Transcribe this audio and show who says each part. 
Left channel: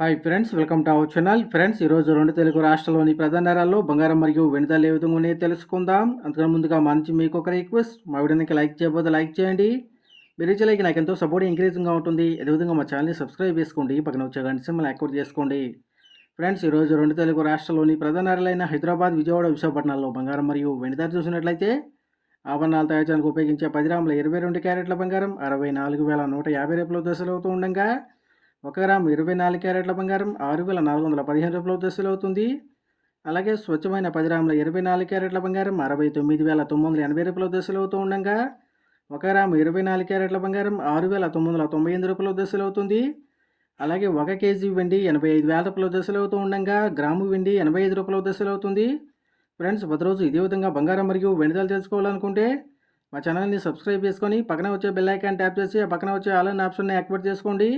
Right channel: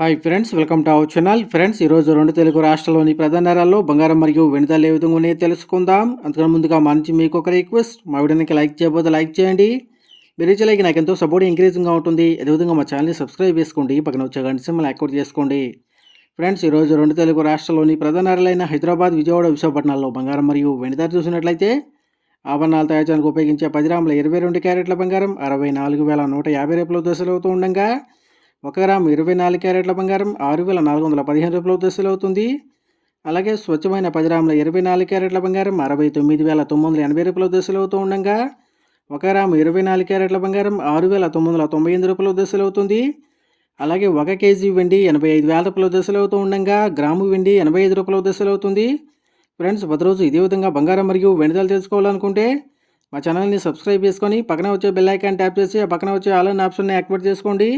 Speaker 1: Hi friends welcome to our channel friends ఈరోజు రెండు తెలుగు రాష్ట్రాల్లోని ప్రధాన నగరాల్లో బంగారం మరియు వెండి ఏ విధంగా ఉన్నాయో తెలుసుకుందాం. అందుకని ముందుగా మా నుంచి మీకు ఒక రిక్వెస్ట్ మా వీడియోకి లైక్ చేయబోతే లైక్ చేయండి. మీరు ఇచ్చే లైక్ నాకు ఎంతో సపోర్ట్ ఎంకరేజింగ్గా ఉంటుంది. అదేవిధంగా మా ఛానల్ని సబ్స్క్రైబ్ చేసుకోండి. పక్కన వచ్చే గంట సింబల్ యాక్టివేట్ చేసుకోండి. ఫ్రెండ్స్ ఈరోజు రెండు తెలుగు రాష్ట్రాల్లోని ప్రధాన నగరాలైన హైదరాబాద్ విజయవాడ విశాఖపట్నాల్లో బంగారం మరియు వెండి చూసినట్లయితే ఆభరణాలు తయారు చేయడానికి ఉపయోగించే పది రాముల ఇరవై రెండు క్యారెట్ల బంగారం అరవై నాలుగు వేల నూట యాభై రూపాయల దశలు అవుతూ ఉండగా ఒక గ్రాము ఇరవై నాలుగు క్యారెట్ల బంగారం ఆరు వేల నాలుగు వందల పదిహేను రూపాయల దశలు అవుతుంది. అలాగే స్వచ్ఛమైన పది గ్రాముల ఇరవై నాలుగు క్యారెట్ల బంగారం అరవై తొమ్మిది వేల తొమ్మిది వందల ఎనభై రూపాయల దశలు అవుతూ ఉండగా ఒక గ్రాము ఇరవై నాలుగు క్యారెట్ల బంగారం ఆరు వేల తొమ్మిది వందల తొంభై ఎనిమిది రూపాయల దశలు అవుతుంది. అలాగే ఒక కేజీ వెండి ఎనభై ఐదు వేల రూపాయల దశలు అవుతూ ఉండగా గ్రాము వెండి ఎనభై ఐదు రూపాయల దశలు అవుతుంది. ఫ్రెండ్స్ ప్రతిరోజు ఇదే విధంగా బంగారం మరియు వెండిదలు తెలుసుకోవాలనుకుంటే మా ఛానల్ని సబ్స్క్రైబ్ చేసుకొని పక్కన వచ్చే బెల్ ఐకాన్ ట్యాప్ చేసి ఆ పక్కన వచ్చే ఆల్ ఆప్షన్ని యాక్టివేట్ చేసుకోండి.